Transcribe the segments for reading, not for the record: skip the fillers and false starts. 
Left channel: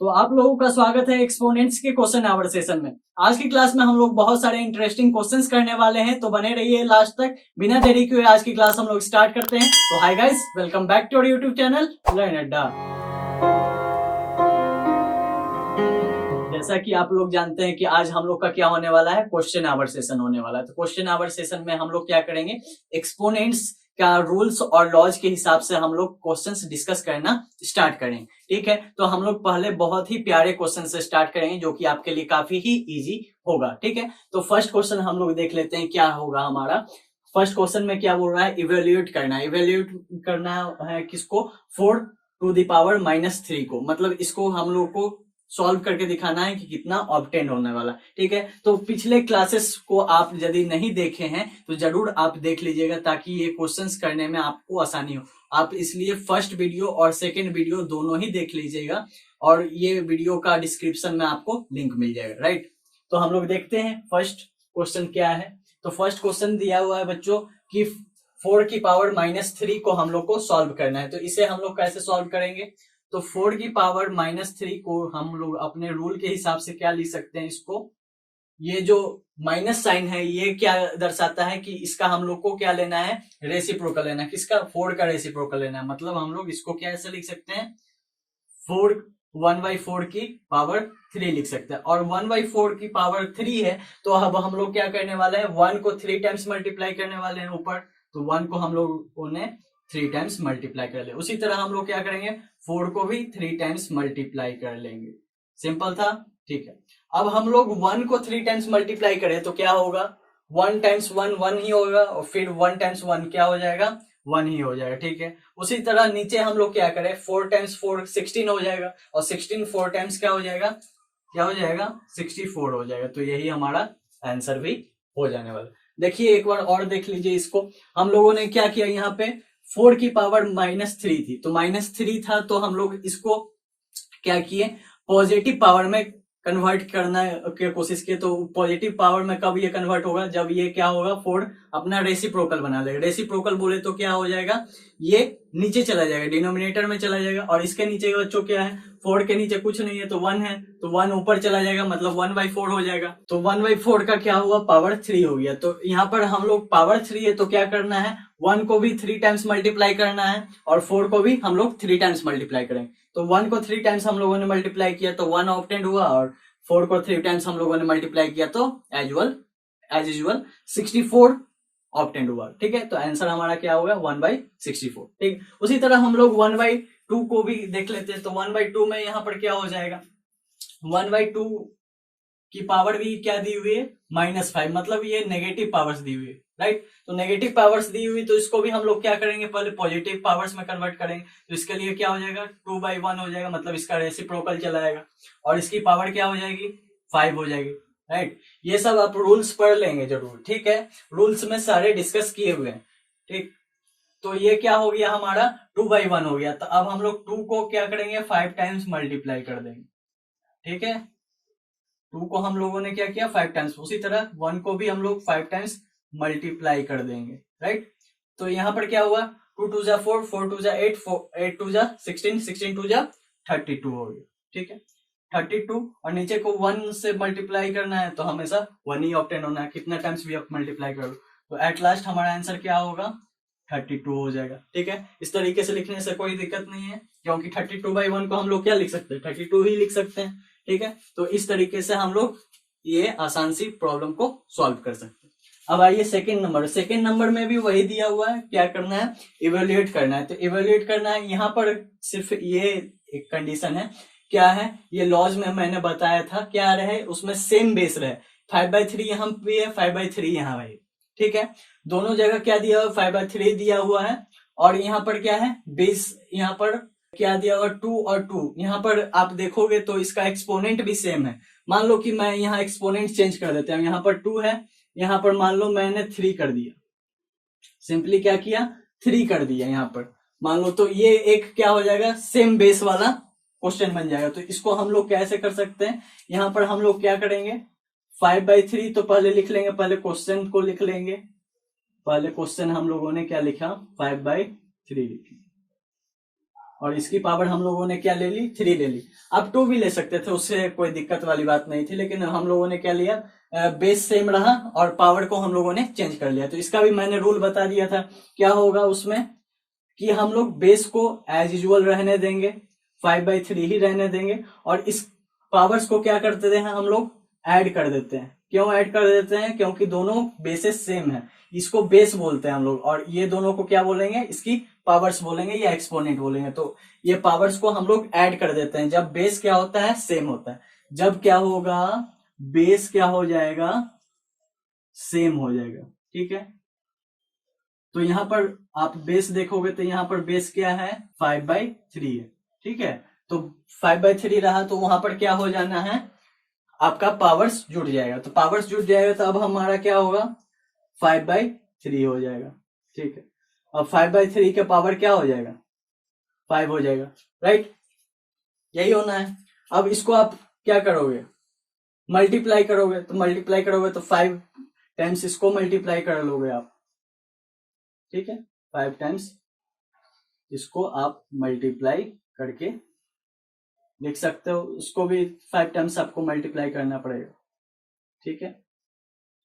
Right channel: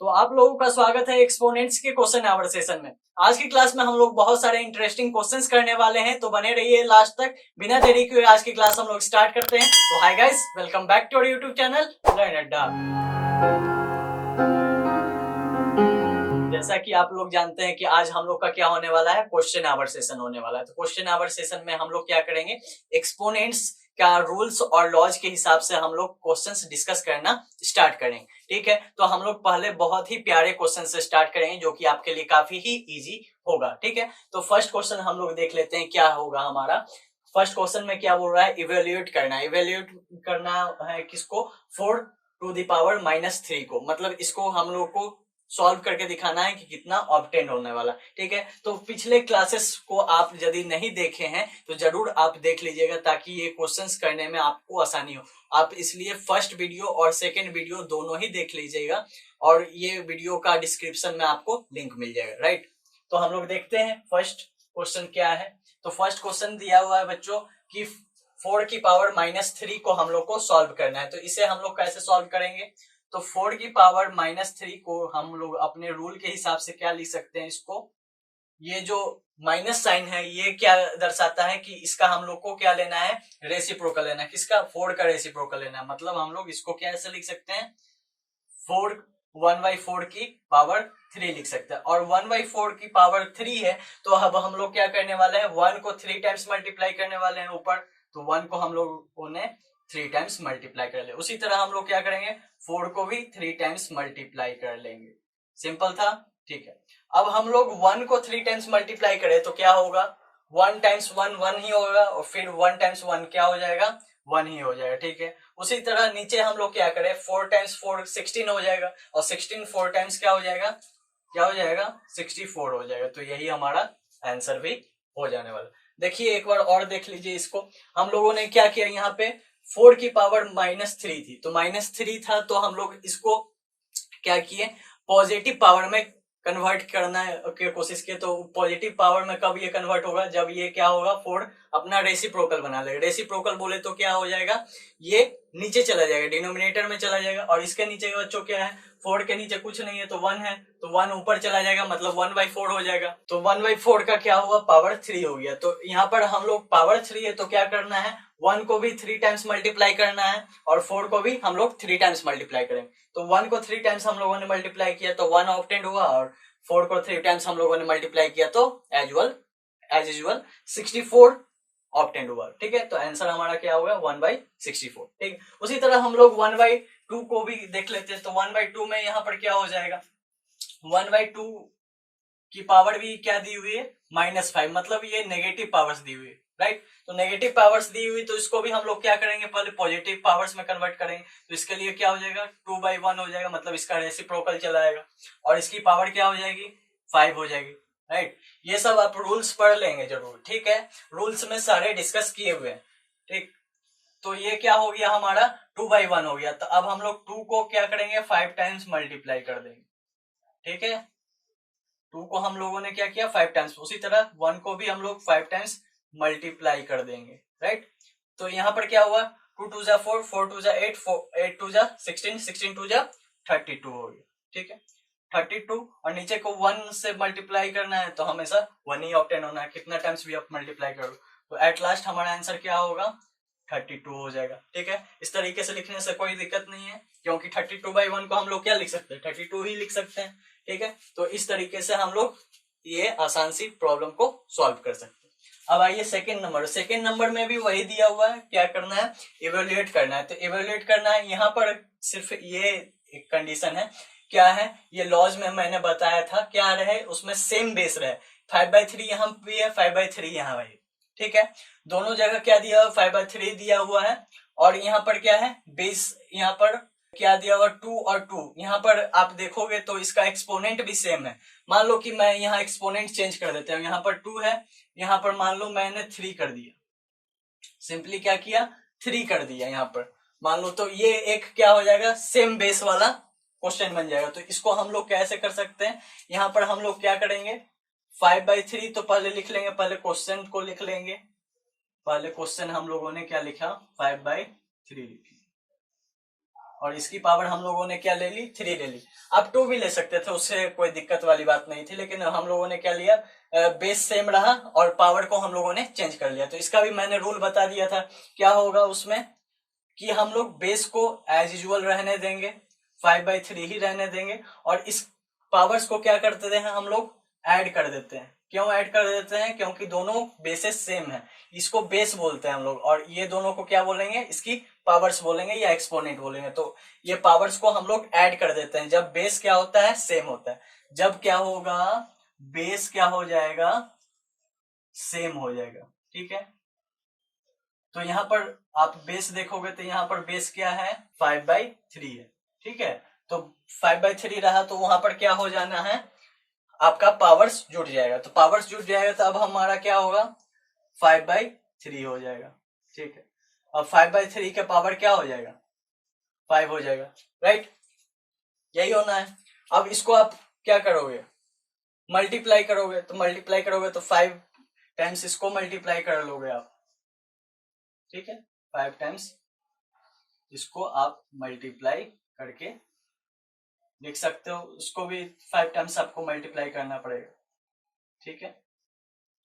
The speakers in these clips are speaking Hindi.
तो आप लोगों का स्वागत है एक्सपोनेंट्स के क्वेश्चन आवर सेशन में। आज की क्लास में हम लोग बहुत सारे इंटरेस्टिंग क्वेश्चंस करने वाले हैं, तो बने रहिए लास्ट तक। बिना देरी किए आज की क्लास हम लोग स्टार्ट करते हैं। तो hi guys, welcome back to our YouTube channel learn Adda. जैसा कि आप लोग जानते हैं कि आज हम लोग का क्या होने वाला है, क्वेश्चन आवर सेशन होने वाला है। तो क्वेश्चन आवर सेशन में हम लोग क्या करेंगे, एक्सपोनेंट्स का रूल्स और लॉज के हिसाब से हम लोग क्वेश्चंस डिस्कस करना स्टार्ट करेंगे। ठीक है, तो हम लोग पहले बहुत ही प्यारे क्वेश्चन से स्टार्ट करेंगे जो कि आपके लिए काफी ही इजी होगा। ठीक है, तो फर्स्ट क्वेश्चन हम लोग देख लेते हैं क्या होगा हमारा। फर्स्ट क्वेश्चन में क्या बोल रहा है, इवेल्यूएट करना है। इवेल्यूएट करना है किसको, 4⁻³ को, मतलब इसको हम लोग को सॉल्व करके दिखाना है कि कितना ऑब्टेन होने वाला। ठीक है, तो पिछले क्लासेस को आप यदि नहीं देखे हैं तो जरूर आप देख लीजिएगा ताकि ये क्वेश्चंस करने में आपको आसानी हो। आप इसलिए फर्स्ट वीडियो और सेकंड वीडियो दोनों ही देख लीजिएगा और ये वीडियो का डिस्क्रिप्शन में आपको लिंक मिल जाएगा। राइट, तो हम लोग देखते हैं फर्स्ट क्वेश्चन क्या है। तो फर्स्ट क्वेश्चन दिया हुआ है बच्चों कि 4⁻³ को हम लोग को सॉल्व करना है। तो इसे हम लोग कैसे सॉल्व करेंगे, तो 4⁻³ को हम लोग अपने रूल के हिसाब से क्या लिख सकते हैं, इसको ये जो माइनस साइन है ये क्या दर्शाता है कि इसका हम लोग को क्या लेना है, रेसिप्रोकल लेना है। किसका, 4 का रेसिप्रोकल लेना है। मतलब हम लोग इसको कैसे लिख सकते हैं, 4 1/4 की पावर 3 लिख सकते हैं। और 1/4 की पावर 3 है तो अब हम लोग क्या करने वाले हैं, 1 को 3 टाइम्स मल्टीप्लाई करने वाले हैं ऊपर, तो 1 को हम लोग ने 3 टाइम्स मल्टीप्लाई कर ले। उसी तरह हम लोग क्या करेंगे, 4 को भी 3 टाइम्स मल्टीप्लाई कर लेंगे। सिंपल था। ठीक है, अब हम लोग 1 को 3 टाइम्स मल्टीप्लाई करें तो क्या होगा, 1 टाइम्स 1 1 ही होगा और फिर 1 टाइम्स 1 क्या हो जाएगा, 1 ही हो जाएगा। ठीक है, उसी तरह नीचे हम लोग क्या करें, 4 टाइम्स 4 16 हो जाएगा और 16 4 टाइम्स क्या हो जाएगा, 64 हो जाएगा। तो यही हमारा आंसर भी हो जाने वाला। देखिए एक बार और देख लीजिए इसको। हम लोगों ने क्या किया, यहाँ पे 4 की पावर -3 थी तो -3 था तो हम लोग इसको क्या किए, पॉजिटिव पावर में कन्वर्ट करना की कोशिश किए। तो पॉजिटिव पावर में कब ये कन्वर्ट होगा, जब ये क्या होगा, 4 अपना रेसिप्रोकल बना लेगा। रेसिप्रोकल बोले तो क्या हो जाएगा, ये नीचे चला जाएगा, डिनोमिनेटर में चला जाएगा। और इसके नीचे बच्चों क्या है, 4 के नीचे कुछ नहीं है तो 1 है, तो 1 ऊपर चला जाएगा, मतलब 1/4 हो जाएगा। तो 1/4 का क्या हुआ, पावर 3 हो गया। तो यहाँ पर हम लोग पावर 3 है तो क्या करना है, 1 को भी 3 टाइम्स मल्टीप्लाई करना है और 4 को भी हम लोग 3 टाइम्स मल्टीप्लाई करेंगे। तो 1 को 3 टाइम्स हम लोगों ने मल्टीप्लाई किया तो 1 ऑब्टेंड हुआ और 4 को 3 टाइम्स हम लोगों ने मल्टीप्लाई किया तो एज यूजुअल 64 ऑब्टेंड हुआ। ठीक है, तो आंसर हमारा क्या होगा, 1/64। ठीक, उसी तरह हम लोग 1/2 को भी देख लेते हैं। तो 1/2 में यहाँ पर क्या हो जाएगा, 1/2 की पावर भी क्या दी हुई है, -5, मतलब ये नेगेटिव पावर्स दी हुई है। राइट, तो नेगेटिव पावर्स दी हुई तो इसको भी हम लोग क्या करेंगे, पहले पॉजिटिव पावर्स में कन्वर्ट करेंगे। तो इसके लिए क्या हो जाएगा, 2/1 हो जाएगा, मतलब इसका रेसिप्रोकल चला जाएगा और इसकी पावर क्या हो जाएगी, 5 हो जाएगी। राइट, ये सब आप रूल्स पढ़ लेंगे जरूर। ठीक है, रूल्स में सारे डिस्कस किए हुए हैं। ठीक, तो ये क्या हो गया हमारा, 2/1 हो गया। तो अब हम लोग 2 को क्या करेंगे, 5 टाइम्स मल्टीप्लाई कर देंगे। ठीक है, 2 को हम लोगों ने क्या किया, 5 टाइम्स। उसी तरह 1 को भी हम लोग 5 टाइम्स मल्टीप्लाई कर देंगे। राइट, तो यहाँ पर क्या हुआ, 2 2 4, 4 2 8, 8 2 16, 16 2 32 हो गया। ठीक है, 32 और नीचे को 1 से मल्टीप्लाई करना है तो हमेशा 1 ही ऑब्टेन होना है, कितना टाइम्स भी आप मल्टीप्लाई करो। तो एट लास्ट हमारा आंसर क्या होगा, 32 हो जाएगा। ठीक है, इस तरीके से लिखने से कोई दिक्कत नहीं है क्योंकि 32/1 को हम लोग क्या लिख सकते हैं, 32 ही लिख सकते हैं। ठीक है, तो इस तरीके से हम लोग ये आसान सी प्रॉब्लम को सॉल्व कर सकते हैं। अब आइए सेकंड नंबर। सेकंड नंबर में भी वही दिया हुआ है, क्या करना है, इवेल्युएट करना है। तो इवेल्युएट करना है, यहाँ पर सिर्फ ये एक कंडीशन है, क्या है, ये लॉज में मैंने बताया था क्या रहे, उसमें सेम बेस रहे। 5/3 यहाँ भी है, 5/3 यहाँ है। ठीक है, दोनों जगह क्या दिया हुआ, 5/3 दिया हुआ है और यहाँ पर क्या है, बेस यहाँ पर क्या दिया हुआ, 2 और 2। यहाँ पर आप देखोगे तो इसका एक्सपोनेंट भी सेम है। मान लो कि मैं यहाँ एक्सपोनेंट चेंज कर देता हूँ, यहाँ पर 2 है, यहाँ पर मान लो मैंने 3 कर दिया, सिंपली क्या किया, 3 कर दिया यहाँ पर मान लो। तो ये एक क्या हो जाएगा, सेम बेस वाला क्वेश्चन बन जाएगा। तो इसको हम लोग कैसे कर सकते हैं, यहाँ पर हम लोग क्या करेंगे, 5/3 तो पहले लिख लेंगे, पहले क्वेश्चन को लिख लेंगे। पहले क्वेश्चन हम लोगों ने क्या लिखा, 5/3 लिखा। और इसकी पावर हम लोगों ने क्या ले ली, 3 ले ली। आप 2 भी ले सकते थे, उससे कोई दिक्कत वाली बात नहीं थी, लेकिन हम लोगों ने क्या लिया, बेस सेम रहा और पावर को हम लोगों ने चेंज कर लिया। तो इसका भी मैंने रूल बता दिया था। क्या होगा उसमें कि हम लोग बेस को एज यूजुअल रहने देंगे, 5/3 ही रहने देंगे, और इस पावर्स को क्या करते हैं हम लोग, ऐड कर देते हैं। क्यों ऐड कर देते हैं, क्योंकि दोनों बेसेस सेम है। इसको बेस बोलते हैं हम लोग, और ये दोनों को क्या बोलेंगे, इसकी पावर्स बोलेंगे या एक्सपोनेंट बोलेंगे। तो ये पावर्स को हम लोग ऐड कर देते हैं जब बेस क्या होता है, सेम होता है। जब क्या होगा, बेस क्या हो जाएगा, सेम हो जाएगा। ठीक है, तो यहां पर आप बेस देखोगे तो यहां पर बेस क्या है, 5/3 है। ठीक है, तो 5/3 रहा तो वहां पर क्या हो जाना है, आपका पावर्स जुड़ जाएगा। तो पावर्स जुड़ जाएगा तो अब हमारा क्या होगा, 5/3 हो जाएगा। ठीक है, अब 5/3 का पावर क्या हो जाएगा, 5 हो जाएगा। राइट, यही होना है। अब इसको आप क्या करोगे, मल्टीप्लाई करोगे। तो मल्टीप्लाई करोगे तो 5 टाइम्स इसको मल्टीप्लाई कर लोगे आप। ठीक है, 5 टाइम्स इसको आप मल्टीप्लाई करके लिख सकते हो। उसको भी 5 टाइम्स आपको मल्टीप्लाई करना पड़ेगा। ठीक है,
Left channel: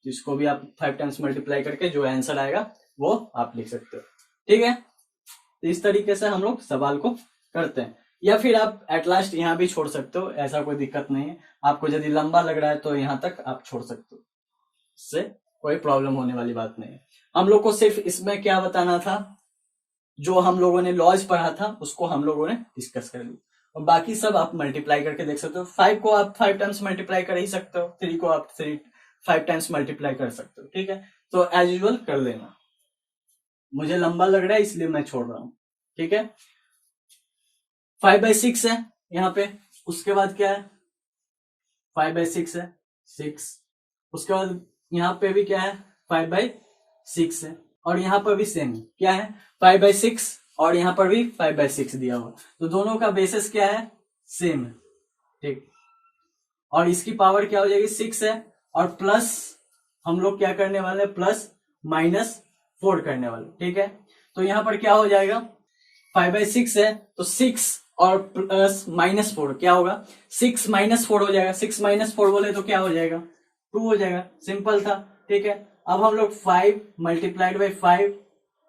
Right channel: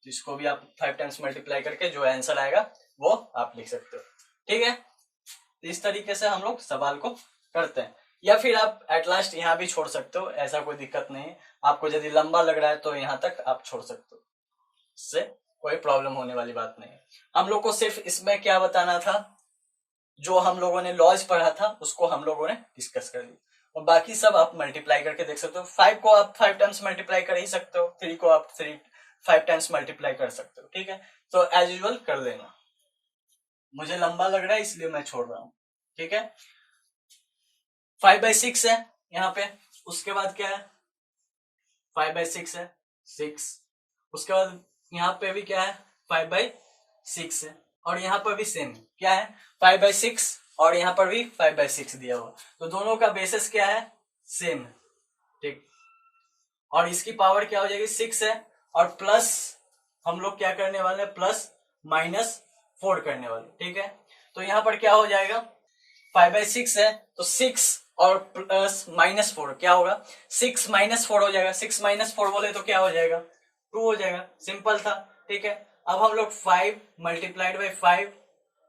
तो इसको भी आप 5 टाइम्स मल्टीप्लाई करके जो आंसर आएगा वो आप लिख सकते हो। ठीक है, तो इस तरीके से हम लोग सवाल को करते हैं। या फिर आप एट लास्ट यहाँ भी छोड़ सकते हो, ऐसा कोई दिक्कत नहीं है। आपको यदि लंबा लग रहा है तो यहाँ तक आप छोड़ सकते हो, इससे कोई प्रॉब्लम होने वाली बात नहीं है। हम लोग को सिर्फ इसमें क्या बताना था, जो हम लोगों ने लॉज पढ़ा था उसको हम लोगों ने डिस्कस कर लिया, और बाकी सब आप मल्टीप्लाई करके देख सकते हो। 5 को आप 5 टाइम्स मल्टीप्लाई कर ही सकते हो, 3 को आप 5 टाइम्स मल्टीप्लाई कर सकते हो। ठीक है, तो एज यूजुअल कर लेना। मुझे लंबा लग रहा है इसलिए मैं छोड़ रहा हूं। ठीक है, 5/6 है यहाँ पे। उसके बाद क्या है, 5/6 है, 6। उसके बाद यहाँ पे भी क्या है, 5/6 है, और यहाँ पर भी सेम क्या है, 5/6, और यहाँ पर भी 5/6 दिया हुआ। तो दोनों का बेसिस क्या है, सेम है। ठीक, और इसकी पावर क्या हो जाएगी, 6 है, और प्लस हम लोग क्या करने वाले, प्लस -4 करने वाले। ठीक है, तो यहाँ पर क्या हो जाएगा, 5/6 है तो 6 और प्लस -4 क्या होगा, 6 -4 हो जाएगा। 6 -4 बोले तो क्या हो जाएगा, 2 हो जाएगा। सिंपल था। ठीक है, अब हम लोग 5 मल्टीप्लाइड बाई 5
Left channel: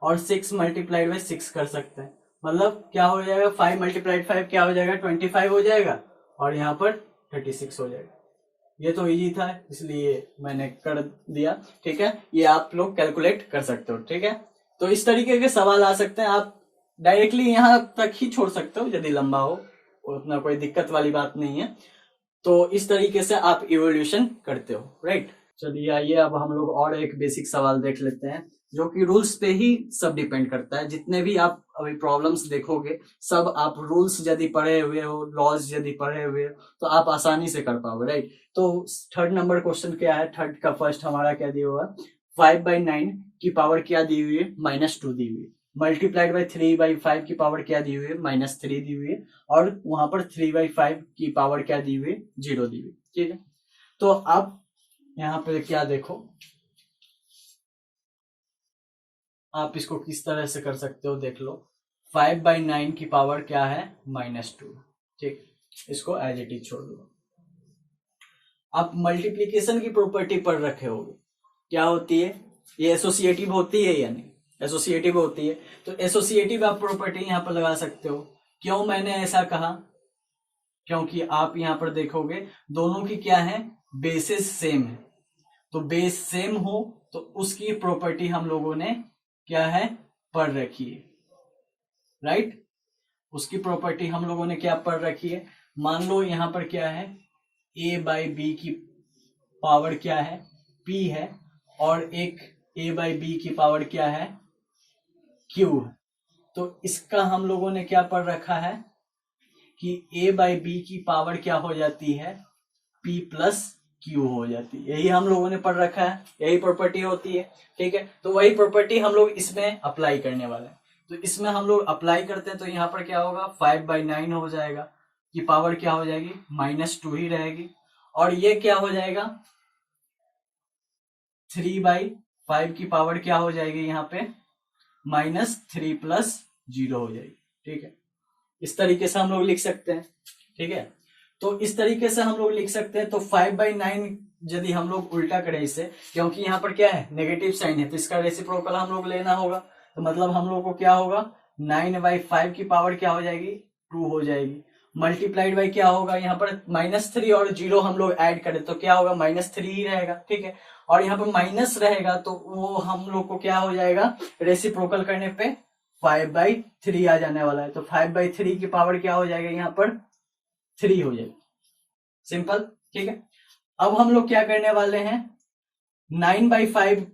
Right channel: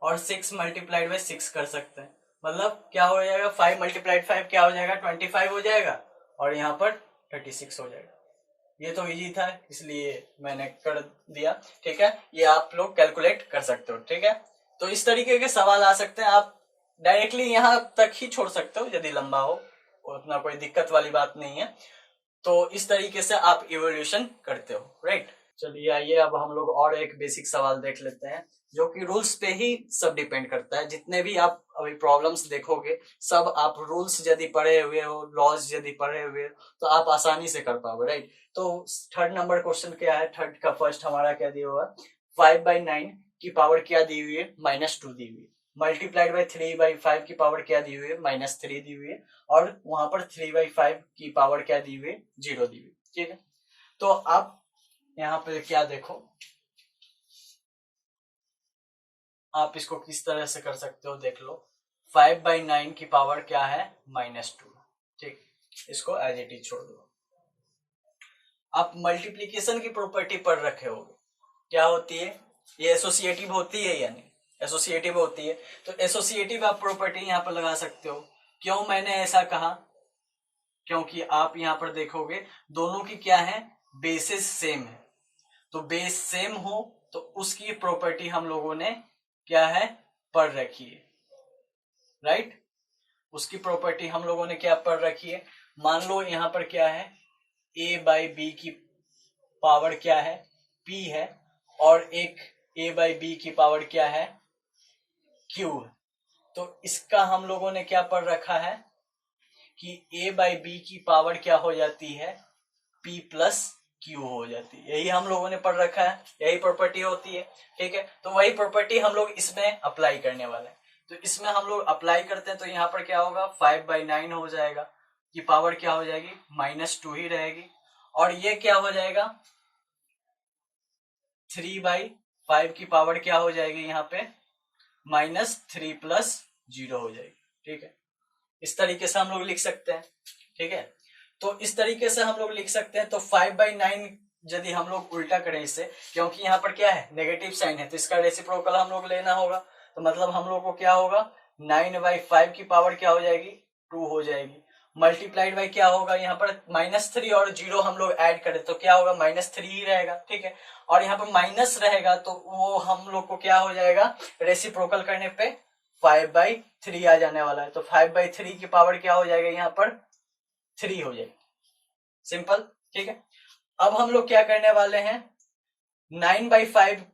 और 6 मल्टीप्लाइड बाई 6 कर सकते हैं। मतलब क्या हो जाएगा, 5 मल्टीप्लाइड 5 क्या हो जाएगा, 25 हो जाएगा, और यहाँ पर 36 हो जाएगा। ये तो इजी था इसलिए मैंने कर दिया। ठीक है, ये आप लोग कैलकुलेट कर सकते हो। ठीक है, तो इस तरीके के सवाल आ सकते हैं। आप डायरेक्टली यहाँ तक ही छोड़ सकते हो यदि लंबा हो, उतना कोई दिक्कत वाली बात नहीं है। तो इस तरीके से आप इवोल्यूशन करते हो। राइट, चलिए आइए अब हम लोग और एक बेसिक सवाल देख लेते हैं, जो कि रूल्स पे ही सब डिपेंड करता है। जितने भी आप अभी प्रॉब्लम्स देखोगे सब आप रूल्स यदि पढ़े हुए हो, लॉज यदि पढ़े हुए हो, तो आप आसानी से कर पाओगे। राइट, तो 3rd नंबर क्वेश्चन क्या है, 3rd का फर्स्ट हमारा क्या दिया हुआ है, 5/9 की पावर क्या दी हुई है, -2 दी हुई है। मल्टीप्लाइड बाई 3/5 की पावर क्या दी हुई है, -3 दी हुई है, और वहां पर 3/5 की पावर क्या दी हुई है, 0 दी हुई है। ठीक है, तो आप यहाँ पे क्या देखो, आप इसको किस तरह से कर सकते हो देख लो। 5/9 की पावर क्या है, -2। ठीक, इसको एज इट इज छोड़ दो। आप मल्टीप्लीकेशन की प्रॉपर्टी पढ़ रखे होगे, क्या होती है, ये एसोसिएटिव होती है या नहीं, एसोसिएटिव होती है। तो एसोसिएटिव आप प्रॉपर्टी यहाँ पर लगा सकते हो। क्यों मैंने ऐसा कहा, क्योंकि आप यहाँ पर देखोगे दोनों की क्या है, बेसिस सेम है। तो बेस सेम हो तो उसकी प्रॉपर्टी हम लोगों ने क्या है, पढ़ रखी है। राइट, उसकी प्रॉपर्टी हम लोगों ने क्या पढ़ रखी है। मान लो यहाँ पर क्या है, a/b की पावर क्या है, p है, और एक a/b की पावर क्या है, q है। तो इसका हम लोगों ने क्या पढ़ रखा है कि a/b की पावर क्या हो जाती है, p + q हो जाती है। यही हम लोगों ने पढ़ रखा है, यही प्रॉपर्टी होती है। ठीक है, तो वही प्रॉपर्टी हम लोग इसमें अप्लाई करने वाले हैं। तो इसमें हम लोग अप्लाई करते हैं तो यहाँ पर क्या होगा, 5/9 हो जाएगा, कि पावर क्या हो जाएगी, -2 ही रहेगी, और ये क्या हो जाएगा, 3/5 की पावर क्या हो जाएगी यहाँ पे, -3 + 0 हो जाएगी। ठीक है, इस तरीके से हम लोग लिख सकते हैं, ठीक है। तो इस तरीके से हम लोग लिख सकते हैं। तो 5/9 यदि हम लोग उल्टा करें इसे, क्योंकि यहाँ पर क्या है, नेगेटिव साइन है, तो इसका रेसिप्रोकल हम लोग लेना होगा। तो मतलब हम लोग को क्या होगा, 9/5 की पावर क्या हो जाएगी, 2 हो जाएगी। मल्टीप्लाइड बाई क्या होगा, यहाँ पर -3 और 0 हम लोग ऐड करें तो क्या होगा, -3 ही रहेगा, ठीक है। और यहाँ पर माइनस रहेगा तो वो हम लोग को क्या हो जाएगा, रेसिप्रोकल करने पे 5/3 आ जाने वाला है। तो 5/3 की पावर क्या हो जाएगा, यहाँ पर 3 हो जाएगी। सिंपल, ठीक है। अब हम लोग क्या करने वाले हैं, 9/5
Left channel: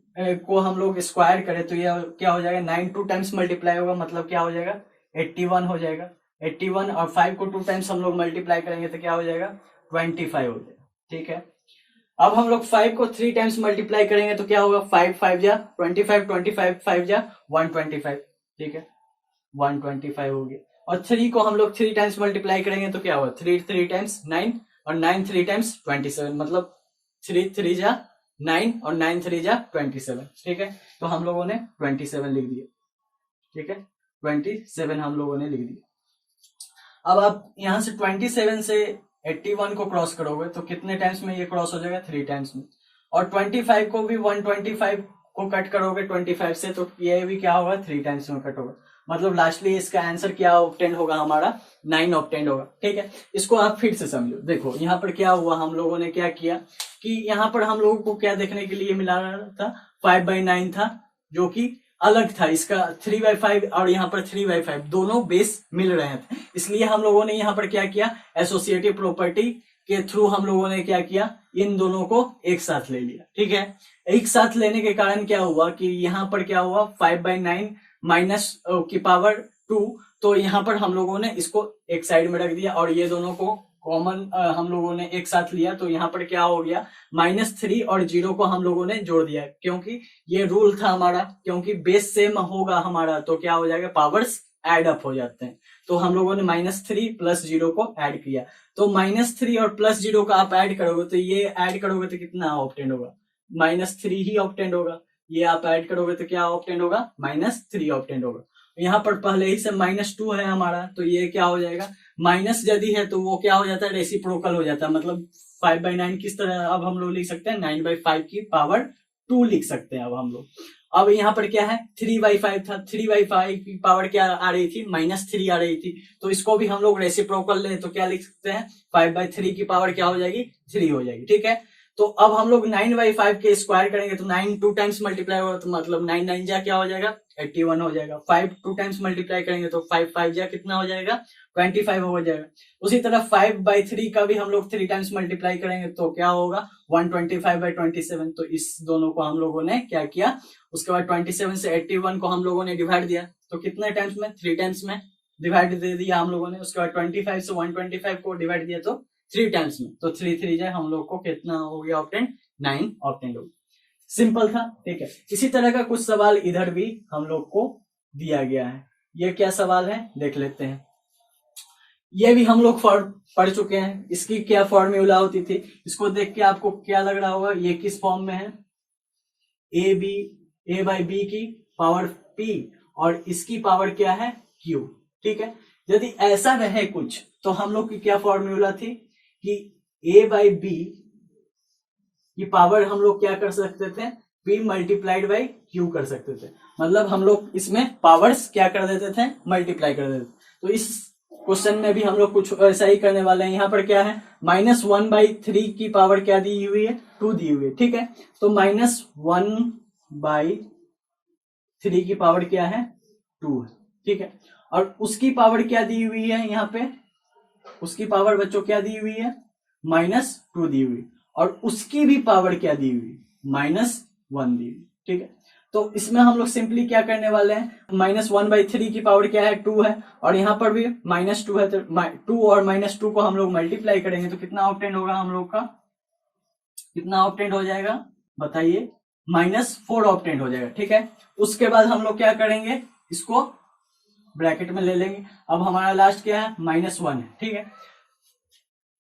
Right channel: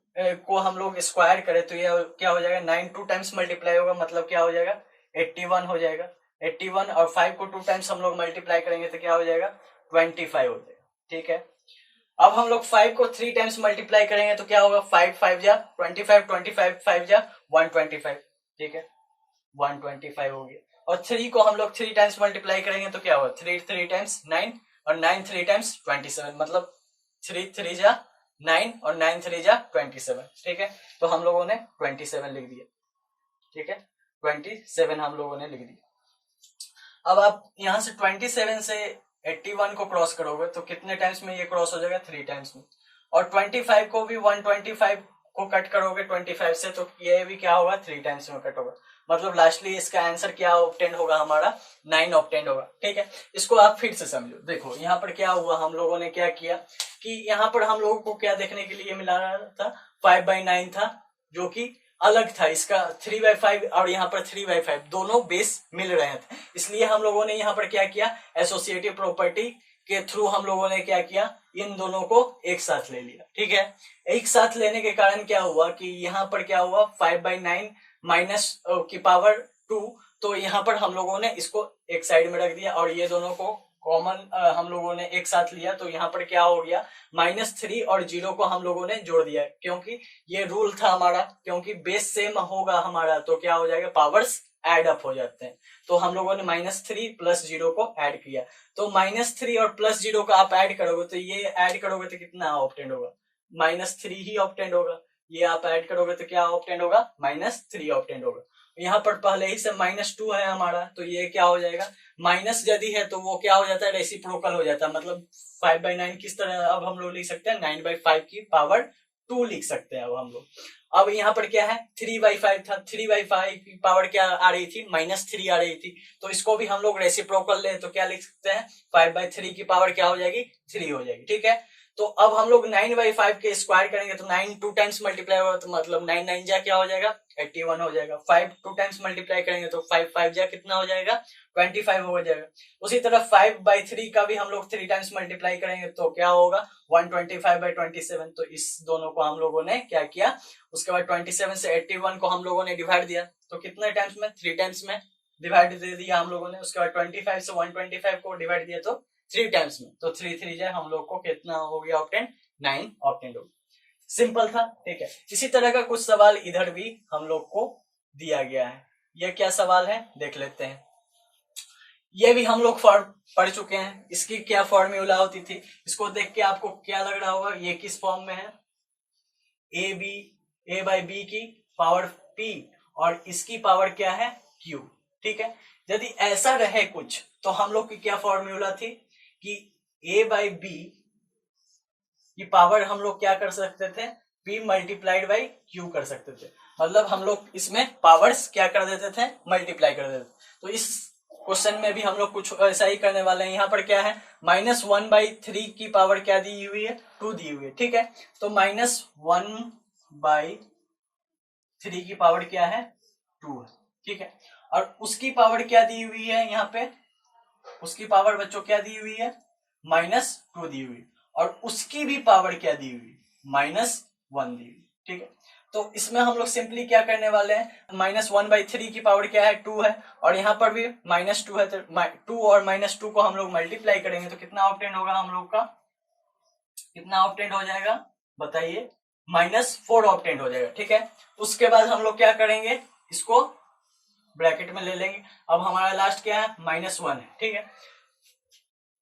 को हम लोग स्क्वायर करें तो ये क्या हो जाएगा, 9 2 टाइम्स मल्टीप्लाई होगा, मतलब क्या हो जाएगा, 81 हो जाएगा। 81 और 5 को 2 टाइम्स हम लोग मल्टीप्लाई करेंगे तो क्या हो जाएगा, 25 हो जाएगा, ठीक है। अब हम लोग 5 को 3 टाइम्स मल्टीप्लाई करेंगे तो क्या होगा, 5 5 जा 25, 25 5 जा 125, ठीक है, 125 हो गया। और 3 को हम लोग 3 टाइम्स मल्टीप्लाई करेंगे तो क्या होगा, 3 3 टाइम्स 9 और 9 3 टाइम्स 27, मतलब 3 3 जा 9 और 9 3 जा 27, ठीक है। तो हम लोगों ने 27 लिख दिया, ठीक है, 27 हम लोगों ने लिख दिया। अब आप यहां से 27 से 81 को क्रॉस करोगे तो कितने टाइम्स में ये क्रॉस हो जाएगा, 3 टाइम्स में। और 25 को भी 125 को कट करोगे 25 से तो ये भी क्या होगा, 3 टाइम्स में कट होगा। मतलब लास्टली इसका आंसर क्या ऑब्टेन होगा, हमारा 9 ऑब्टेन होगा, ठीक है। इसको आप फिर से समझो। देखो यहाँ पर क्या हुआ, हम लोगों ने क्या किया कि यहाँ पर हम लोगों को क्या देखने के लिए मिला था, 5/9 था जो कि अलग था, इसका 3/5 और यहाँ पर 3/5 दोनों बेस मिल रहे थे। इसलिए हम लोगों ने यहाँ पर क्या किया, एसोसिएटिव प्रॉपर्टी के थ्रू हम लोगों ने क्या किया, इन दोनों को एक साथ ले लिया, ठीक है। एक साथ लेने के कारण क्या हुआ कि यहाँ पर क्या हुआ, 5/9 माइनस की पावर 2, तो यहाँ पर हम लोगों ने इसको एक साइड में रख दिया और ये दोनों को कॉमन हम लोगों ने एक साथ लिया। तो यहाँ पर क्या हो गया, -3 और 0 को हम लोगों ने जोड़ दिया, क्योंकि ये रूल था हमारा, क्योंकि बेस सेम होगा हमारा तो क्या हो जाएगा, पावर्स एड अप हो जाते हैं। तो हम लोगों ने -3 + 0 को ऐड किया। तो -3 और +0 का आप ऐड करोगे तो ये ऐड करोगे तो कितना ऑब्टेंड होगा, -3 ही ऑब्टेंड होगा। ये आप ऐड करोगे तो क्या ऑब्टेंड होगा, -3 ऑब्टेंड होगा। यहाँ पर पहले ही से -2 है हमारा, तो ये क्या हो जाएगा, माइनस यदि है तो वो क्या हो जाता है, रेसिप्रोकल हो जाता है। मतलब 5/9 किस तरह अब हम लोग लिख सकते हैं, 9/5 की पावर 2 लिख सकते हैं अब हम लोग। अब यहाँ पर क्या है, 3/5 था, 3/5 की पावर क्या आ रही थी, -3 आ रही थी। तो इसको भी हम लोग रेसिप्रोकल ले तो क्या लिख सकते हैं, 5/3 की पावर क्या हो जाएगी, 3 हो जाएगी, ठीक है। तो अब हम लोग 9/5 के स्क्वायर करेंगे तो 9 2 टाइम्स मल्टीप्लाई होगा, तो मतलब 9 9 जा क्या हो जाएगा, 81 हो जाएगा। 5 2 टाइम्स मल्टीप्लाई करेंगे तो 5 5 जा कितना हो जाएगा, 25 हो जाएगा। उसी तरह 5/3 का भी हम लोग 3 टाइम्स मल्टीप्लाई करेंगे तो क्या होगा, 125/27। तो इस दोनों को हम लोगों ने क्या किया, उसके बाद 27 से 81 को हम लोगों ने डिवाइड दिया, तो कितने टाइम्स में, 3 टाइम्स में डिवाइड दे दिया हम लोगों ने। उसके बाद 25 से 125 को डिवाइड दिया तो 3 टाइम्स में, तो 3 3 जाए हम लोग को कितना हो गया ऑप्टेंड, 9 ऑप्टेंड हो गया। सिंपल था, ठीक है। इसी तरह का कुछ सवाल इधर भी हम लोग को दिया गया है। ये क्या सवाल है देख लेते हैं। ये भी हम लोग पढ़ चुके हैं, इसकी क्या फॉर्मूला होती थी, इसको देख के आपको क्या लग रहा होगा, ये किस फॉर्म में है, a/b की पावर p और इसकी पावर क्या है, q, ठीक है। यदि ऐसा रहे कुछ तो हम लोग की क्या फॉर्मूला थी कि a/b की पावर हम लोग क्या कर सकते थे, p × q कर सकते थे। मतलब हम लोग इसमें पावर्स क्या कर देते थे, मल्टीप्लाई कर देते थे। तो इस क्वेश्चन में भी हम लोग कुछ ऐसा ही करने वाले हैं। यहाँ पर क्या है, -1/3 की पावर क्या दी हुई है, 2 दी हुई है, ठीक है। तो -1/3 की पावर क्या है, 2 है, ठीक है। और उसकी पावर क्या दी हुई है, यहाँ पे उसकी पावर बच्चों क्या दी हुई है, -2 दी हुई, और उसकी भी पावर क्या दी हुई, -1 दी हुई, ठीक है। तो इसमें हम लोग सिंपली क्या करने वाले हैं, -1/3 की पावर क्या है, 2 है, और यहाँ पर भी -2 है, तो 2 और -2 को हम लोग मल्टीप्लाई करेंगे तो कितना ऑब्टेंड होगा हम लोग का, कितना ऑब्टेंड हो जाएगा बताइए, -4 ऑब्टेंड हो जाएगा, ठीक है। उसके बाद हम लोग क्या करेंगे, इसको ब्रैकेट में ले लेंगे। अब हमारा लास्ट क्या है, -1 है, ठीक है।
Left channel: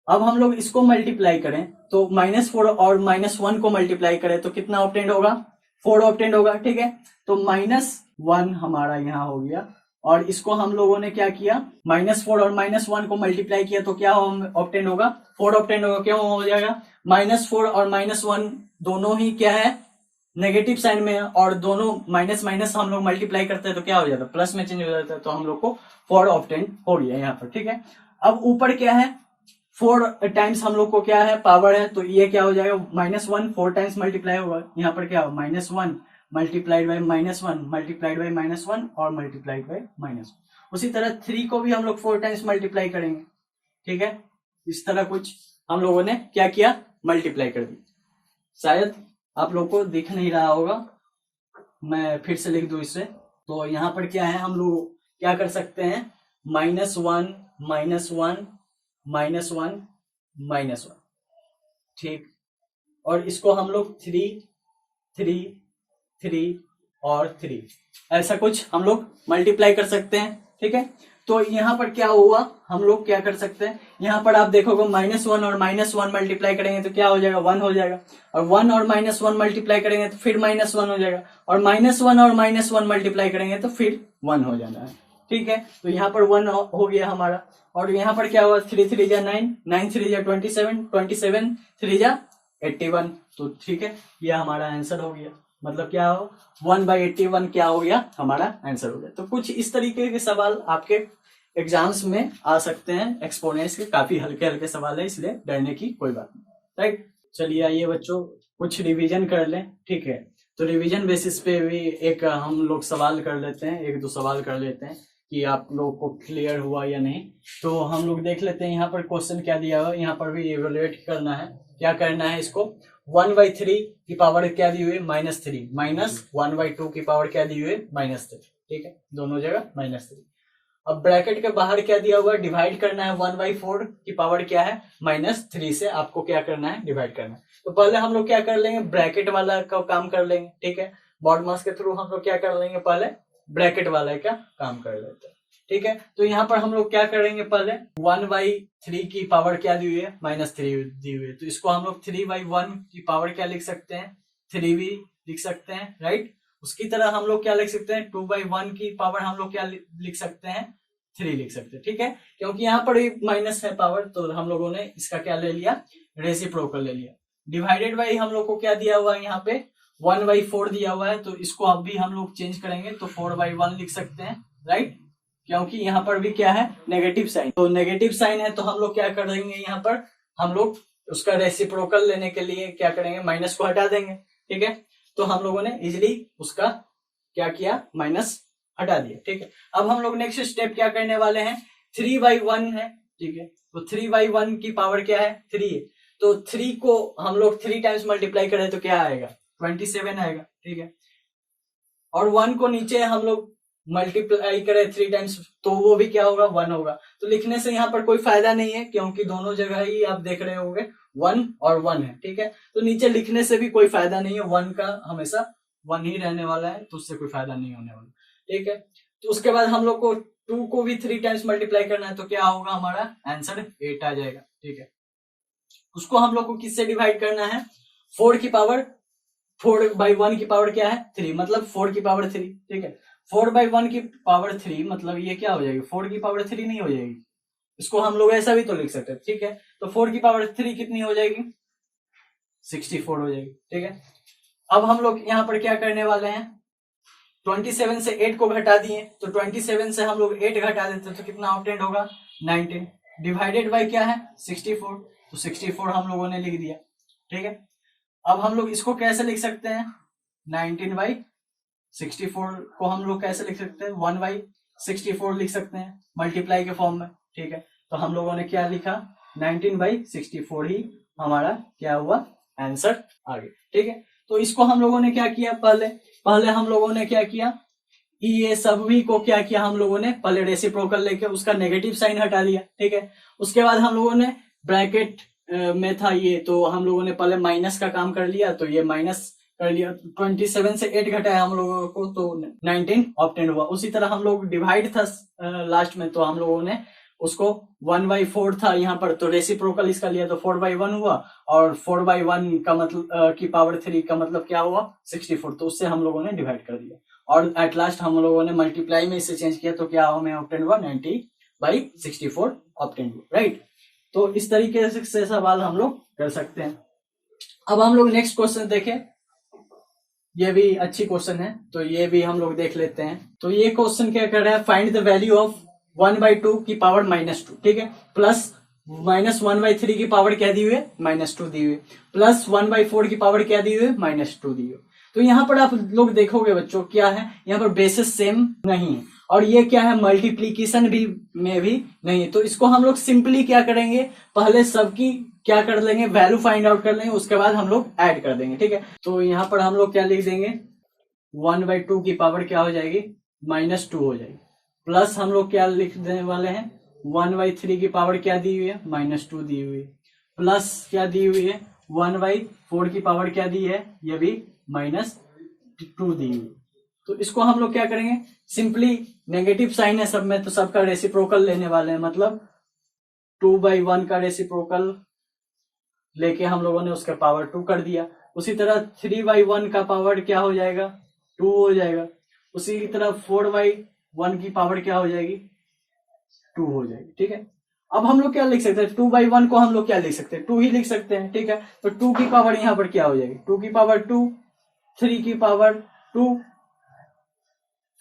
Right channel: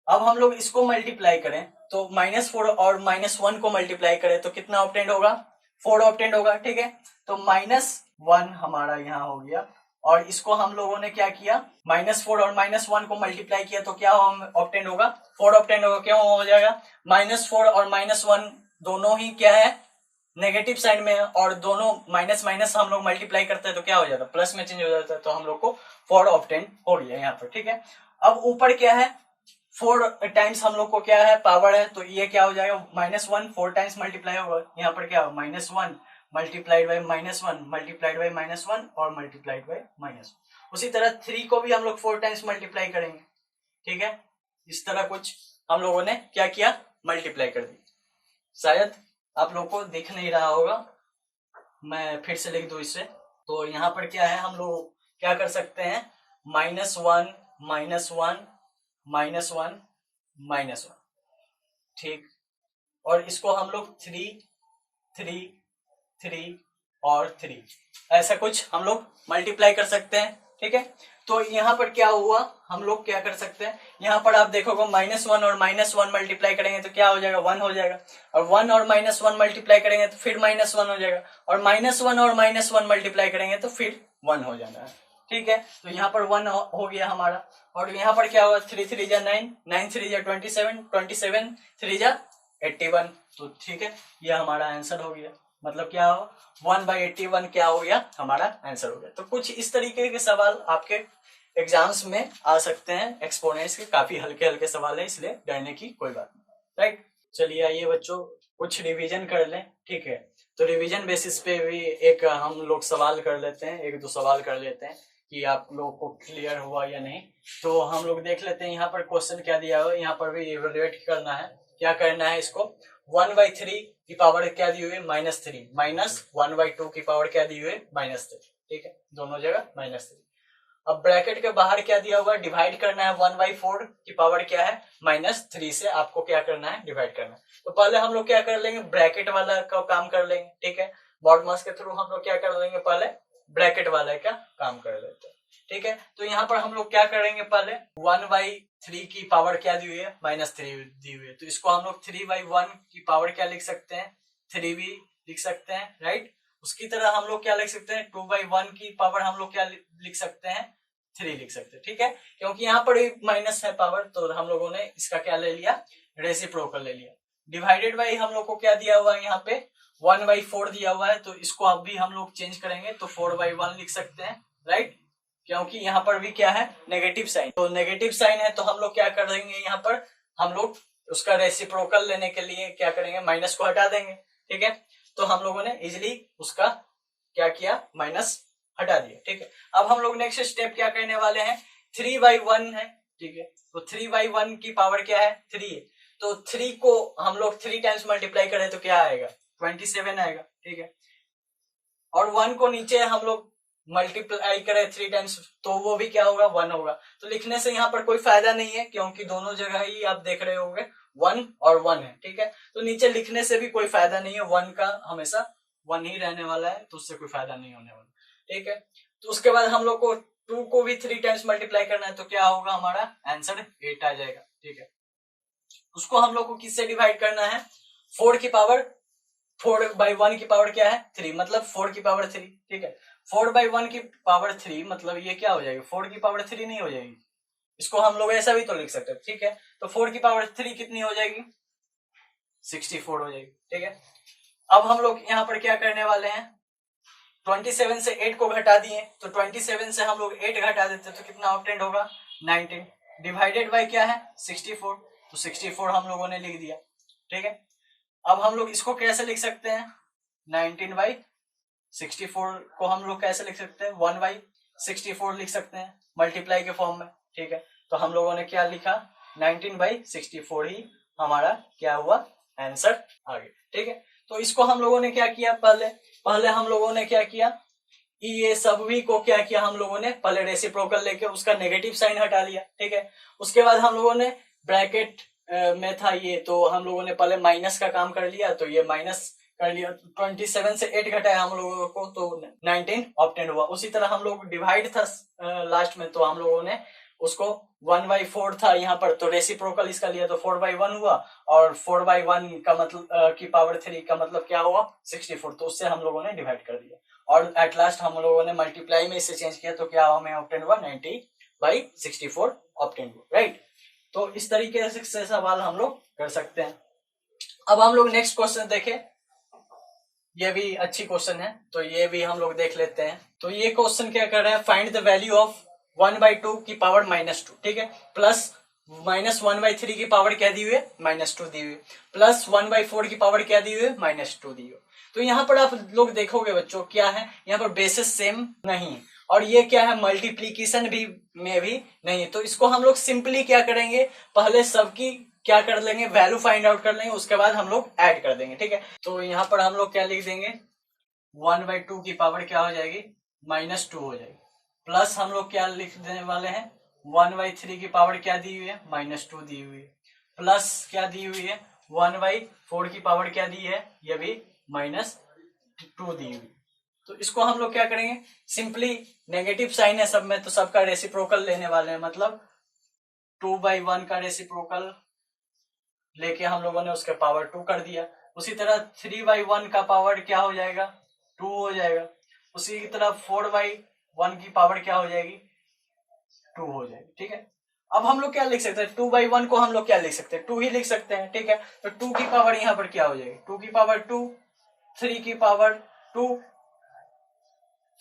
अब हम लोग इसको मल्टीप्लाई करें तो -4 और -1 को मल्टीप्लाई करें तो कितना ऑब्टेंड होगा, 4 ऑब्टेंड होगा, ठीक है। तो -1 हमारा यहाँ हो गया और इसको हम लोगों ने क्या किया, -4 और -1 को मल्टीप्लाई किया तो क्या ऑब्टेन होगा, 4 ऑब्टेन होगा। क्यों हो जाएगा, -4 और -1 दोनों ही क्या है, नेगेटिव साइन में है, और दोनों माइनस माइनस हम लोग मल्टीप्लाई करते हैं तो क्या हो जाता है, प्लस में चेंज हो जाता है। तो हम लोग को 4 ऑब्टेन हो गया यहाँ पर, ठीक है। अब ऊपर क्या है, 4 टाइम्स हम लोग को क्या है, पावर है, तो ये क्या हो जाएगा, -1 4 टाइम्स मल्टीप्लाई होगा। यहाँ पर क्या, -1 मल्टीप्लाइड बाई -1 मल्टीप्लाइड बाई -1 और मल्टीप्लाइड बाई -1। उसी तरह 3 को भी हम लोग 4 टाइम्स मल्टीप्लाई करेंगे, ठीक है। इस तरह कुछ हम लोगों ने क्या किया, मल्टीप्लाई कर दी। शायद आप लोग को दिख नहीं रहा होगा, मैं फिर से लिख दूं इसे। तो यहाँ पर क्या है, हम लोग क्या कर सकते हैं, -1 -1 -1 -1, ठीक। और इसको हम लोग 3 3 3 और 3 ऐसा कुछ हम लोग मल्टीप्लाई कर सकते हैं, ठीक है। तो यहाँ पर क्या हुआ, हम लोग क्या कर सकते हैं, यहाँ पर आप देखोगे -1 और -1 मल्टीप्लाई करेंगे तो क्या हो जाएगा, 1 हो जाएगा। और 1 और -1 मल्टीप्लाई करेंगे तो फिर -1 हो जाएगा, और -1 और -1 मल्टीप्लाई करेंगे तो फिर 1 हो जाना है, ठीक है। तो यहाँ पर 1 हो गया हमारा। और यहाँ पर क्या हुआ, 3 3 जा 9, 9 3 जा 27, 27 3 जा 81। तो ठीक है, ये हमारा आंसर हो गया। मतलब क्या हो, 1/81 क्या हो गया, हमारा आंसर हो गया। तो कुछ इस तरीके के सवाल आपके एग्जाम्स में आ सकते हैं। एक्सपोनेंट्स के काफी हल्के हल्के सवाल है, इसलिए डरने की कोई बात नहीं, राइट। चलिए आइए बच्चों, कुछ रिवीजन कर लें, ठीक है। तो रिवीजन बेसिस पे भी एक हम लोग सवाल कर लेते हैं, 1-2 सवाल कर लेते हैं कि आप लोगों को क्लियर हुआ या नहीं। तो हम लोग देख लेते हैं यहाँ पर क्वेश्चन क्या दिया हुआ है। यहाँ पर भी इवेलुएट करना है, क्या करना है इसको, 1/3 की पावर क्या दी हुई है, -3, -1/2 की पावर क्या दी हुई है, -3, ठीक है। दोनों जगह -3। अब ब्रैकेट के बाहर क्या दिया हुआ है, डिवाइड करना है। 1/4 की पावर क्या है, -3 से आपको क्या करना है, डिवाइड करना है। तो पहले हम लोग क्या कर लेंगे, ब्रैकेट वाला का काम कर लेंगे, ठीक है। BODMAS के थ्रू हम लोग क्या कर लेंगे, पहले ब्रैकेट वाला का काम कर लेते हैं, ठीक है। तो यहाँ पर हम लोग क्या करेंगे, पहले 1/3 की पावर क्या दी हुई है, -3 दी हुई है। तो इसको हम लोग 3/1 की पावर क्या लिख सकते हैं, 3 भी लिख सकते हैं, राइट। उसकी तरह हम लोग क्या लिख सकते हैं, 2/1 की पावर हम लोग क्या लिख सकते हैं, 3 लिख सकते हैं, ठीक है। क्योंकि यहाँ पर भी माइनस है पावर, तो हम लोगों ने इसका क्या ले लिया, रेसिप्रोकल ले लिया। डिवाइडेड बाई हम लोग को क्या दिया हुआ है, यहाँ पे 1/4 दिया हुआ है, तो इसको अब भी हम लोग चेंज करेंगे तो 4/1 लिख सकते हैं, राइट। क्योंकि यहाँ पर भी क्या है, नेगेटिव साइन, तो नेगेटिव साइन है, तो हम लोग क्या करेंगे, यहाँ पर हम लोग उसका रेसिप्रोकल लेने के लिए क्या करेंगे, माइनस को हटा देंगे, ठीक है। तो हम लोगों ने इजिली उसका क्या किया, माइनस हटा दिया, ठीक है। अब हम लोग नेक्स्ट स्टेप क्या करने वाले हैं, 3/1 है, ठीक है। तो 3/1 की पावर क्या है, 3 है। तो 3 को हम लोग 3 टाइम्स मल्टीप्लाई करें तो क्या आएगा, 27 आएगा, ठीक है। और 1 को नीचे हम लोग मल्टीप्लाई करें 3 टाइम्स तो वो भी क्या होगा, 1 होगा। तो लिखने से यहाँ पर कोई फायदा नहीं है, क्योंकि दोनों जगह ही आप देख रहे होंगे 1 और 1 है, ठीक है। तो नीचे लिखने से भी कोई फायदा नहीं है, 1 का हमेशा 1 ही रहने वाला है, तो उससे कोई फायदा नहीं होने वाला, ठीक है। तो उसके बाद हम लोग को 2 को भी 3 टाइम्स मल्टीप्लाई करना है, तो क्या होगा, हमारा आंसर 8 आ जाएगा, ठीक है। उसको हम लोग को किससे डिवाइड करना है, 4 की पावर 4/1 की पावर क्या है, 3, मतलब 4 की पावर 3, ठीक है। 4/1 की पावर 3 मतलब ये क्या हो जाएगी, 4 की पावर 3 नहीं हो जाएगी, इसको हम लोग ऐसा भी तो लिख सकते हैं, ठीक है। तो 4 की पावर 3 कितनी हो जाएगी, 64 हो जाएगी, ठीक है। अब हम लोग यहाँ पर क्या करने वाले हैं, 27 से 8 को घटा दिए, तो 27 से हम लोग 8 घटा देते तो कितना ऑब्टेंड होगा, 19, डिवाइडेड बाय क्या है, 64, तो 64 हम लोगों ने लिख दिया, ठीक है। अब हम लोग इसको कैसे लिख सकते हैं, 19/64 को हम लोग कैसे लिख सकते हैं, 1/64 लिख सकते हैं, मल्टीप्लाई के फॉर्म में, ठीक है। तो हम लोगों ने क्या लिखा, 19/64 ही हमारा क्या हुआ, आंसर आ गया, ठीक है। तो इसको हम लोगों ने क्या किया, पहले हम लोगों ने क्या किया, ये सभी को क्या किया, हम लोगों ने पहले रेसिप्रोकल लेके उसका नेगेटिव साइन हटा लिया, ठीक है। उसके बाद हम लोगों ने ब्रैकेट में था ये, तो हम लोगों ने पहले माइनस का काम कर लिया, तो ये माइनस कर लिया, 27 से 8 घटाया हम लोगों को, तो 19 ऑब्टेन हुआ। उसी तरह हम लोग डिवाइड था लास्ट में, तो हम लोगों ने उसको 1/4 था यहाँ पर, तो रेसिप्रोकल इसका लिया तो 4/1 हुआ, और 4/1 का मतलब की पावर 3 का मतलब क्या हुआ 64, तो उससे हम लोगों ने डिवाइड कर दिया, और एट लास्ट हम लोगों ने मल्टीप्लाई में इसे चेंज किया, तो क्या हमें ऑब्टेन हुआ 90/64 ऑब्टेन हुआ, राइट। तो इस तरीके से सवाल हम लोग कर सकते हैं। अब हम लोग नेक्स्ट क्वेश्चन देखें, ये भी अच्छी क्वेश्चन है, तो ये भी हम लोग देख लेते हैं। तो ये क्वेश्चन क्या कर रहा है, फाइंड द वैल्यू ऑफ 1/2 की पावर -2, ठीक है, प्लस -1/3 की पावर क्या दी हुई है -2 दी हुई है, प्लस 1/4 की पावर क्या दी हुई है -2 दी हुई है। तो यहाँ पर आप लोग देखोगे बच्चों क्या है, यहाँ पर बेसिस सेम नहीं है, और ये क्या है मल्टीप्लीकेशन भी में भी नहीं है, तो इसको हम लोग सिंपली क्या करेंगे, पहले सबकी क्या कर लेंगे वैल्यू फाइंड आउट कर लेंगे, उसके बाद हम लोग ऐड कर देंगे, ठीक है। तो यहाँ पर हम लोग क्या लिख देंगे 1/2 की पावर क्या हो जाएगी -2 हो जाएगी, प्लस हम लोग क्या लिख देने वाले हैं 1/3 की पावर क्या दी हुई है -2 दी हुई है, प्लस क्या दी हुई है 1/4 की पावर क्या दी है, ये भी -2 दी हुई। तो इसको हम लोग क्या करेंगे सिंपली, नेगेटिव साइन है सब में, तो सबका रेसिप्रोकल लेने वाले हैं, मतलब 2/1 का रेसिप्रोकल लेके हम लोगों ने उसका पावर 2 कर दिया। उसी तरह 3/1 का पावर क्या हो जाएगा 2 हो जाएगा। उसी की तरह 4/1 की पावर क्या हो जाएगी 2 हो जाएगी, ठीक है। अब हम लोग क्या लिख सकते हैं 2/1 को हम लोग क्या लिख सकते हैं 2 ही लिख सकते हैं, ठीक है। तो 2 की पावर यहाँ पर क्या हो जाएगी 2 की पावर 2, 3 की पावर 2,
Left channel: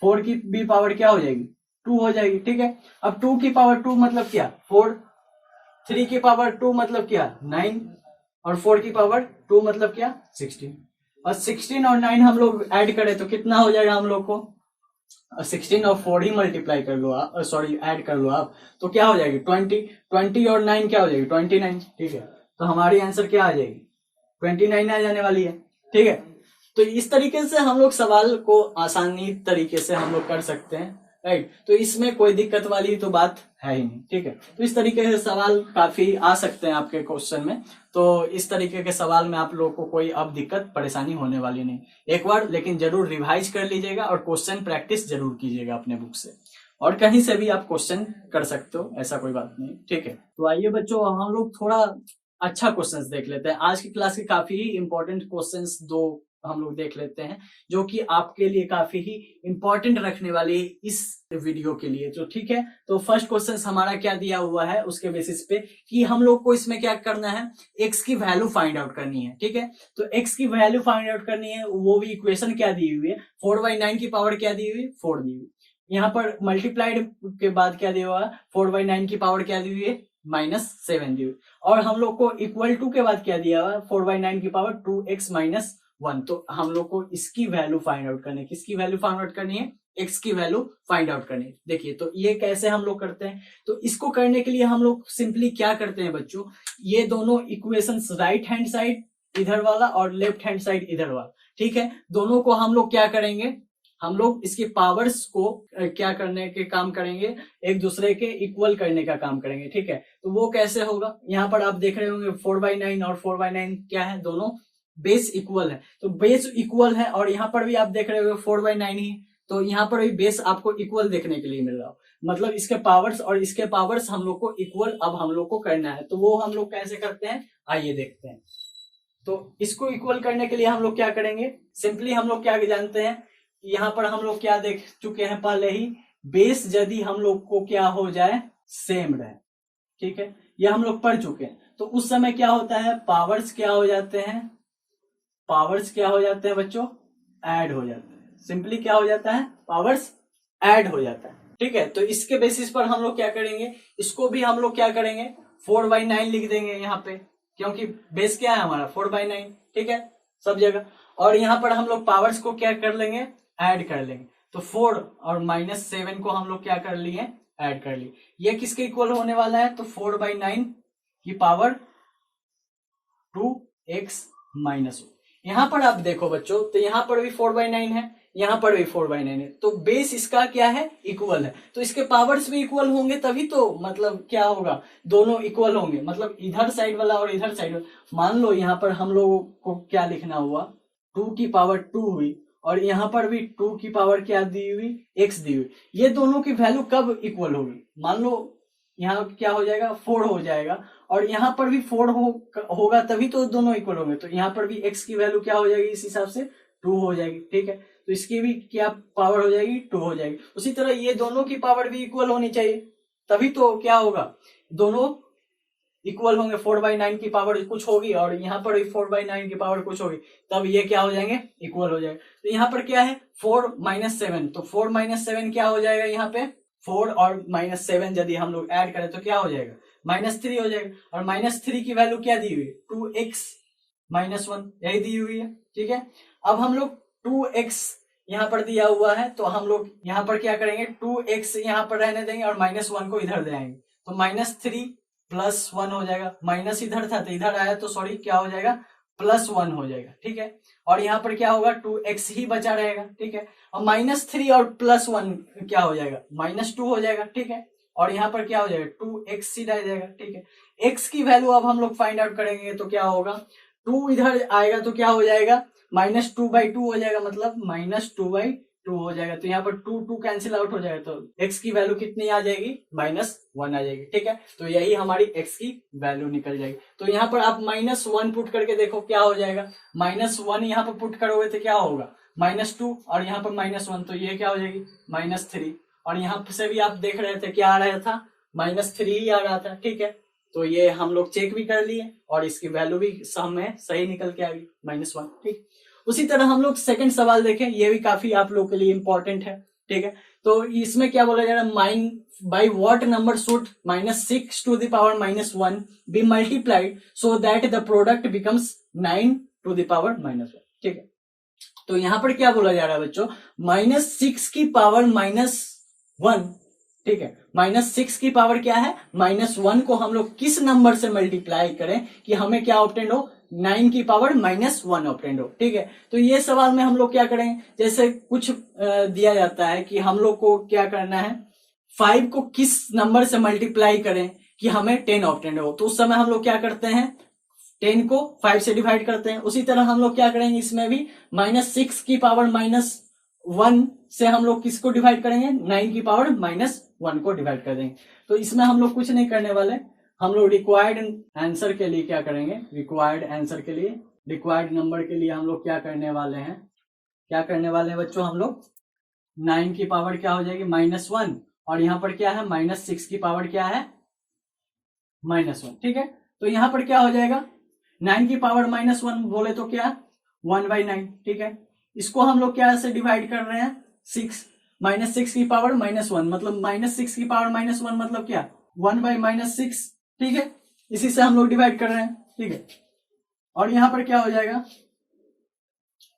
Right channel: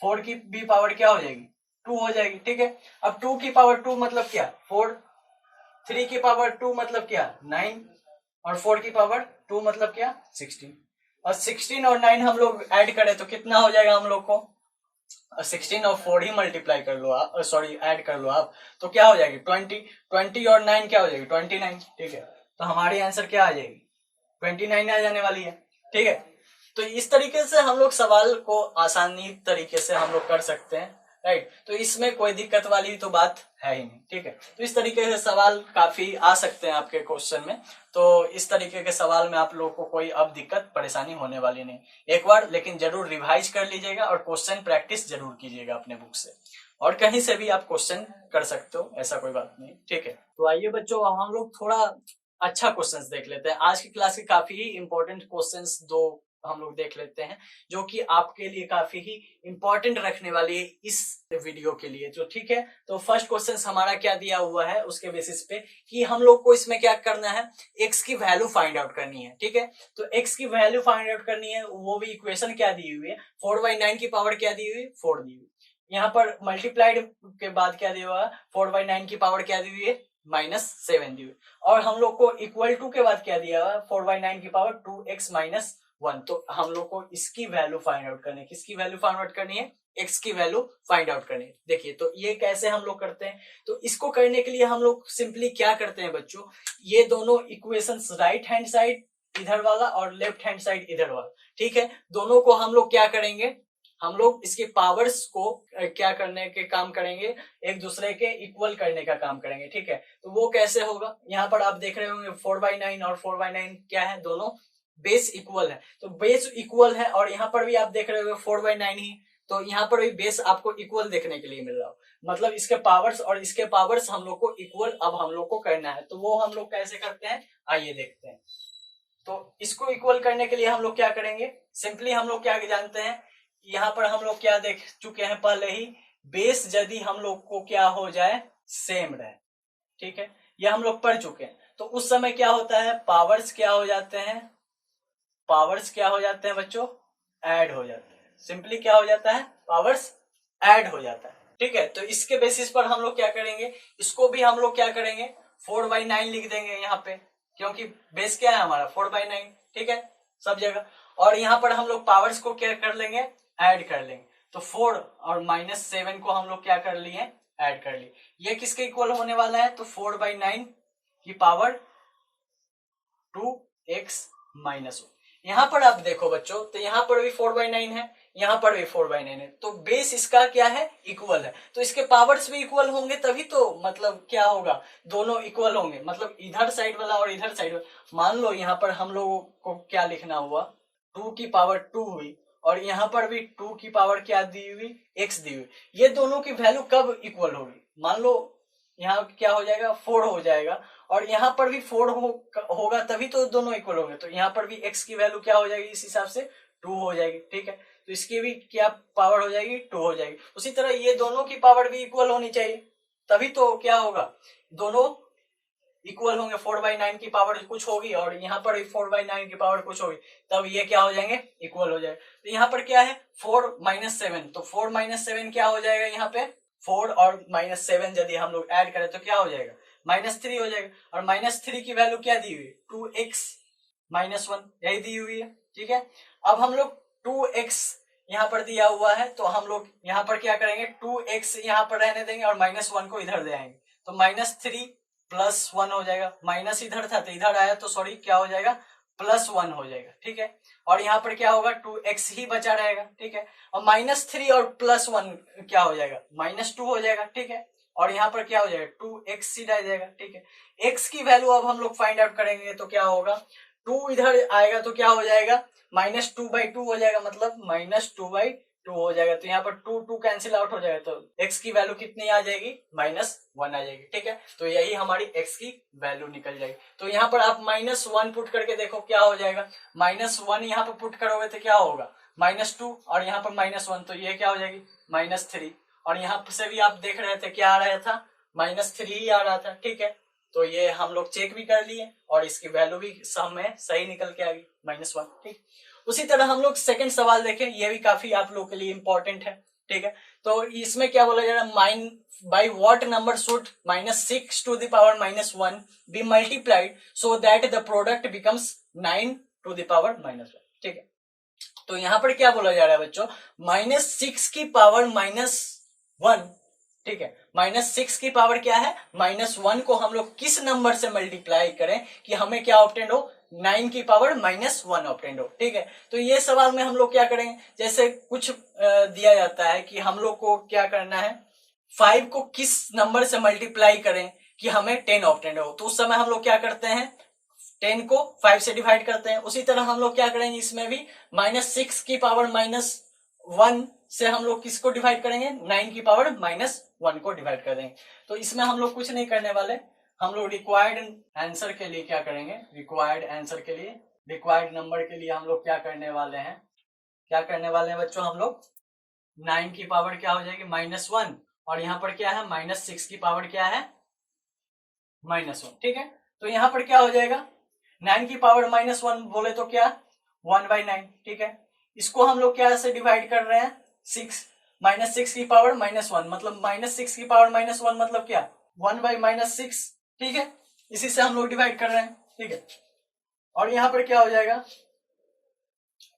4 की भी पावर क्या हो जाएगी 2 हो जाएगी, ठीक है। अब 2 की पावर 2 मतलब क्या 4, 3 की पावर 2 मतलब क्या 9, और 4 की पावर 2 मतलब क्या 16, और 16 और 9 हम लोग ऐड करें तो कितना हो जाएगा हम लोग को 16 और 4 ही मल्टीप्लाई कर लो आप, सॉरी ऐड कर लो आप, तो क्या हो जाएगी 20 और 9 क्या हो जाएगी 29, ठीक है। तो हमारी आंसर क्या आ जाएगी 29 आ जाने वाली है, ठीक है। तो इस तरीके से हम लोग सवाल को आसानी तरीके से हम लोग कर सकते हैं, राइट। तो इसमें कोई दिक्कत वाली तो बात है ही नहीं, ठीक है। तो इस तरीके से सवाल काफी आ सकते हैं आपके क्वेश्चन में, तो इस तरीके के सवाल में आप लोगों को कोई अब दिक्कत परेशानी होने वाली नहीं। एक बार लेकिन जरूर रिवाइज कर लीजिएगा और क्वेश्चन प्रैक्टिस जरूर कीजिएगा अपने बुक से, और कहीं से भी आप क्वेश्चन कर सकते हो, ऐसा कोई बात नहीं, ठीक है। तो आइए बच्चों हम लोग थोड़ा अच्छा क्वेश्चंस देख लेते हैं। आज की क्लास के काफी ही इंपॉर्टेंट क्वेश्चंस दो हम लोग देख लेते हैं, जो कि आपके लिए काफी ही इंपॉर्टेंट रखने वाली है इस वीडियो के लिए, तो ठीक है। तो फर्स्ट क्वेश्चन हमारा क्या दिया हुआ है उसके बेसिस पे कि हम लोग को इसमें क्या करना है एक्स की वैल्यू फाइंड आउट करनी है, ठीक है। तो एक्स की वैल्यू फाइंड आउट करनी है, वो भी इक्वेशन क्या दी हुई है 4/9 की पावर क्या दी हुई 4 दी हुई, यहाँ पर मल्टीप्लाइड के बाद क्या दिया हुआ है 4/9 की पावर क्या दी हुई है -7 दी हुई, और हम लोग को इक्वल टू के बाद क्या दिया हुआ है 4/9 की पावर 2x - 1, तो हम लोग को इसकी वैल्यू फाइंड आउट करनी है, किसकी वैल्यू फाइंड आउट करनी है x की वैल्यू फाइंड आउट करनी है। देखिए तो ये कैसे हम लोग करते हैं, तो इसको करने के लिए हम लोग सिंपली क्या करते हैं बच्चों, ये दोनों इक्वेशंस राइट हैंड साइड इधर वाला और लेफ्ट हैंड साइड इधर वाला, ठीक है, दोनों को हम लोग क्या करेंगे, हम लोग इसके पावर्स को क्या करने के काम करेंगे, एक दूसरे के इक्वल करने का काम करेंगे, ठीक है। तो वो कैसे होगा, यहाँ पर आप देख रहे होंगे 4/9 और 4/9 क्या है, दोनों बेस इक्वल है, तो बेस इक्वल है, और यहाँ पर भी आप देख रहे हो 4/9 ही, तो यहाँ पर भी बेस आपको इक्वल देखने के लिए मिल रहा हो, मतलब इसके पावर्स और इसके पावर्स हम लोग को इक्वल अब हम लोग को करना है, तो वो हम लोग कैसे करते हैं आइए देखते हैं। तो इसको इक्वल करने के लिए हम लोग क्या करेंगे, सिंपली हम लोग क्या जानते हैं, यहाँ पर हम लोग क्या देख चुके हैं पहले ही, बेस यदि हम लोग को क्या हो जाए सेम रहे, ठीक है, ये हम लोग पढ़ चुके हैं, तो उस समय क्या होता है पावर्स क्या हो जाते हैं, पावर्स क्या हो जाते हैं बच्चों ऐड हो जाते हैं, सिंपली क्या हो जाता है पावर्स ऐड हो जाता है, ठीक है। तो इसके बेसिस पर हम लोग क्या करेंगे, इसको भी हम लोग क्या करेंगे 4/9 लिख देंगे यहाँ पे, क्योंकि बेस क्या है हमारा 4/9, ठीक है सब जगह, और यहाँ पर हम लोग पावर्स को क्या कर लेंगे ऐड कर लेंगे, तो 4 और -7 को हम लोग क्या कर लिए ऐड कर लिए, ये किसके इक्वल होने वाला है, तो 4/9 की पावर 2x - 1। यहाँ पर आप देखो बच्चों, तो यहाँ पर भी 4/9 है, यहाँ पर भी 4/9 है, तो बेस इसका क्या है इक्वल है, तो इसके पावर्स भी इक्वल होंगे तभी तो मतलब क्या होगा दोनों इक्वल होंगे, मतलब इधर साइड वाला और इधर साइड वाला। मान लो यहाँ पर हम लोगों को क्या लिखना हुआ 2 की पावर 2 हुई, और यहाँ पर भी 2 की पावर क्या दी हुई x दी हुई, ये दोनों की वैल्यू कब इक्वल होगी, मान लो यहाँ क्या हो जाएगा 4 हो जाएगा, और यहाँ पर भी 4 होगा तभी तो दोनों इक्वल होंगे, तो यहाँ पर भी x की वैल्यू क्या हो जाएगी इस हिसाब से 2 हो जाएगी। ठीक है, तो इसकी भी क्या पावर हो जाएगी 2 हो जाएगी। उसी तरह ये दोनों की पावर भी इक्वल होनी चाहिए, तभी तो क्या होगा, दोनों इक्वल होंगे। 4/9 की पावर कुछ होगी और यहाँ पर भी 4/9 की पावर कुछ होगी, तब ये क्या हो जाएंगे इक्वल हो जाएगा। तो यहाँ पर क्या है 4 - 7, तो 4 - 7 क्या हो जाएगा, यहाँ पे 4 और -7 यदि हम लोग ऐड करें तो क्या हो जाएगा -3 हो जाएगा, और -3 की वैल्यू क्या दी हुई है 2x - 1 यही दी हुई है। ठीक है, अब हम लोग 2x यहाँ पर दिया हुआ है, तो हम लोग यहाँ पर क्या करेंगे 2x यहाँ पर रहने देंगे और -1 को इधर दे आएंगे, तो -3 + 1 हो जाएगा, माइनस इधर था तो इधर आया तो सॉरी क्या हो जाएगा +1 हो जाएगा। ठीक है, और यहाँ पर क्या होगा 2x ही बचा रहेगा। ठीक है, और -3 और +1 क्या हो जाएगा -2 हो जाएगा। ठीक है, और यहाँ पर क्या हो जाएगा 2x ही रह जाएगा। ठीक है, x की वैल्यू अब हम लोग फाइंड आउट करेंगे तो क्या होगा 2 इधर आएगा तो क्या हो जाएगा -2/2 हो जाएगा, मतलब -2/2 हो जाएगा, तो यहाँ पर 2 कैंसिल आउट हो जाएगा, तो x की वैल्यू कितनी आ जाएगी -1 आ जाएगी। ठीक है, तो यही हमारी x की वैल्यू निकल जाएगी। तो यहाँ पर आप -1 पुट करके देखो क्या हो जाएगा, -1 यहाँ पर पुट करोगे तो क्या होगा -2 और यहाँ पर -1, तो ये क्या हो जाएगी -3, और यहाँ से भी आप देख रहे थे क्या आ रहा था -3 ही आ रहा था। ठीक है, तो ये हम लोग चेक भी कर लिए और इसकी वैल्यू भी सम में सही निकल के आ गई -1। ठीक, उसी तरह हम लोग सेकंड सवाल देखें, ये भी काफी आप लोग के लिए इंपॉर्टेंट है। ठीक है, तो इसमें क्या बोला जा रहा है by what number should -6 to the power -1 be multiplied so that the product becomes 9 to the power -1। ठीक है, तो यहां पर क्या बोला जा रहा है बच्चों -6 की पावर -1। ठीक है, -6 की पावर क्या है -1 को हम लोग किस नंबर से मल्टीप्लाई करें कि हमें क्या ऑब्टेंड हो 9 की पावर -1 ऑब्टेंड हो। ठीक है, तो ये सवाल में हम लोग क्या करेंगे, जैसे कुछ दिया जाता है कि हम लोग को क्या करना है 5 को किस नंबर से मल्टीप्लाई करें कि हमें 10 ऑब्टेंड हो, तो उस समय हम लोग क्या करते हैं 10 को 5 से डिवाइड करते हैं। उसी तरह हम लोग क्या करेंगे इसमें भी -6 की पावर -1 से हम लोग किसको डिवाइड करेंगे 9 की पावर -1 को डिवाइड कर देंगे। तो इसमें हम लोग कुछ नहीं करने वाले, हम लोग रिक्वायर्ड आंसर के लिए क्या करेंगे, रिक्वायर्ड नंबर के लिए हम लोग क्या करने वाले हैं बच्चों, हम लोग 9 की पावर क्या हो जाएगी -1 और यहाँ पर क्या है -6 की पावर क्या है -1। ठीक है, तो यहाँ पर क्या हो जाएगा 9 की पावर -1 बोले तो क्या 1/9। ठीक है, इसको हम लोग क्या से डिवाइड कर रहे हैं 6 -6 की पावर -1 मतलब -6 की पावर -1 मतलब क्या 1/-6। ठीक है, इसी से हम लोग डिवाइड कर रहे हैं। ठीक है, और यहाँ पर क्या हो जाएगा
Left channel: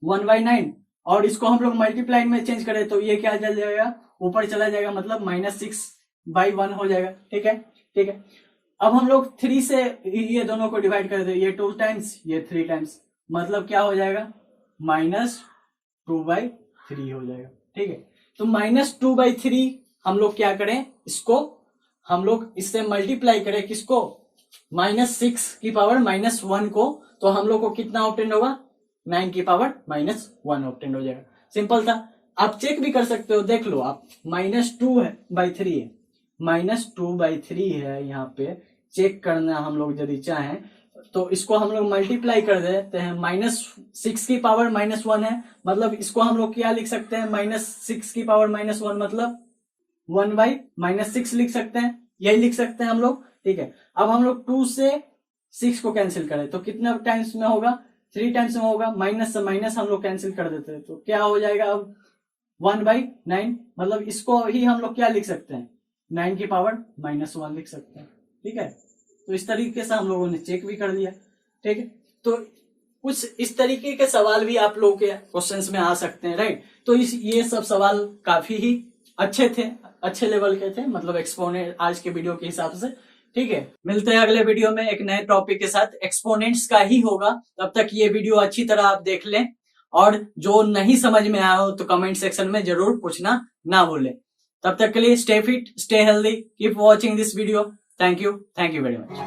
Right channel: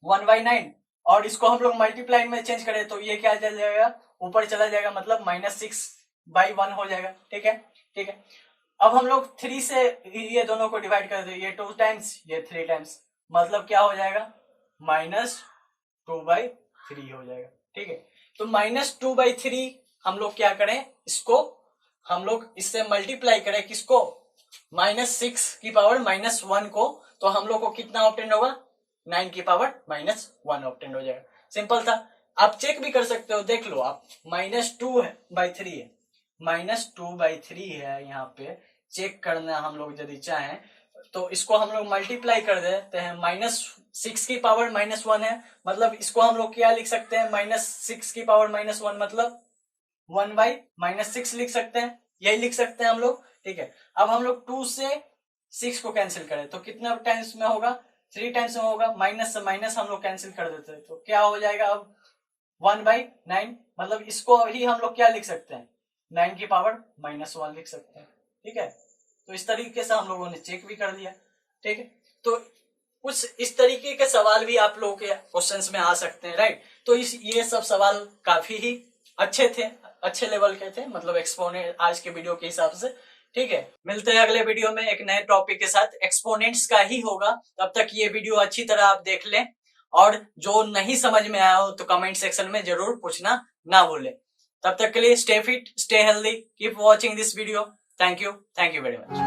1/9 और इसको हम लोग मल्टीप्लाई में चेंज करें तो ये क्या चल जाएगा ऊपर चला जाएगा, मतलब -6/1 हो जाएगा। ठीक है, ठीक है, अब हम लोग 3 से ये दोनों को डिवाइड कर दे, ये 2 टाइम्स ये 3 टाइम्स, मतलब क्या हो जाएगा -2/3 हो जाएगा। ठीक है, तो -2/3 हम लोग क्या करें, इसको हम लोग इससे मल्टीप्लाई करें किसको -6 की पावर -1 को, तो हम लोग को कितना ऑब्टेंड होगा 9 की पावर -1 ऑब्टेंड हो जाएगा। सिंपल था, आप चेक भी कर सकते हो, देख लो आप -2/3 है -2/3 है, यहाँ पे चेक करना हम लोग यदि चाहें तो इसको हम लोग मल्टीप्लाई कर देते हैं, -6 की पावर -1 है, मतलब इसको हम लोग क्या लिख सकते हैं -6 की पावर -1 मतलब 1/-6 लिख सकते हैं, यही लिख सकते हैं हम लोग। ठीक है, अब हम लोग 2 से 6 को कैंसिल करें तो कितने टाइम्स में होगा 3 टाइम्स में होगा, माइनस से माइनस हम लोग कैंसिल कर देते हैं तो क्या हो जाएगा अब 1/9, मतलब इसको ही हम लोग क्या लिख सकते हैं 9 की पावर -1 लिख सकते हैं। ठीक है, तो इस तरीके से हम लोगों ने चेक भी कर लिया। ठीक है, तो कुछ इस तरीके के सवाल भी आप लोगों के क्वेश्चंस में आ सकते हैं, राइट। तो ये सब सवाल काफी ही अच्छे थे, अच्छे लेवल के थे, मतलब एक्सपोनेंट आज के वीडियो के हिसाब से। ठीक है, मिलते हैं अगले वीडियो में एक नए टॉपिक के साथ, एक्सपोनेंट्स का ही होगा। तब तक ये वीडियो अच्छी तरह आप देख लें और जो नहीं समझ में आया हो तो कमेंट सेक्शन में जरूर पूछना ना भूलें। तब तक के लिए stay fit, stay healthy, keep watching this video. Thank you very much.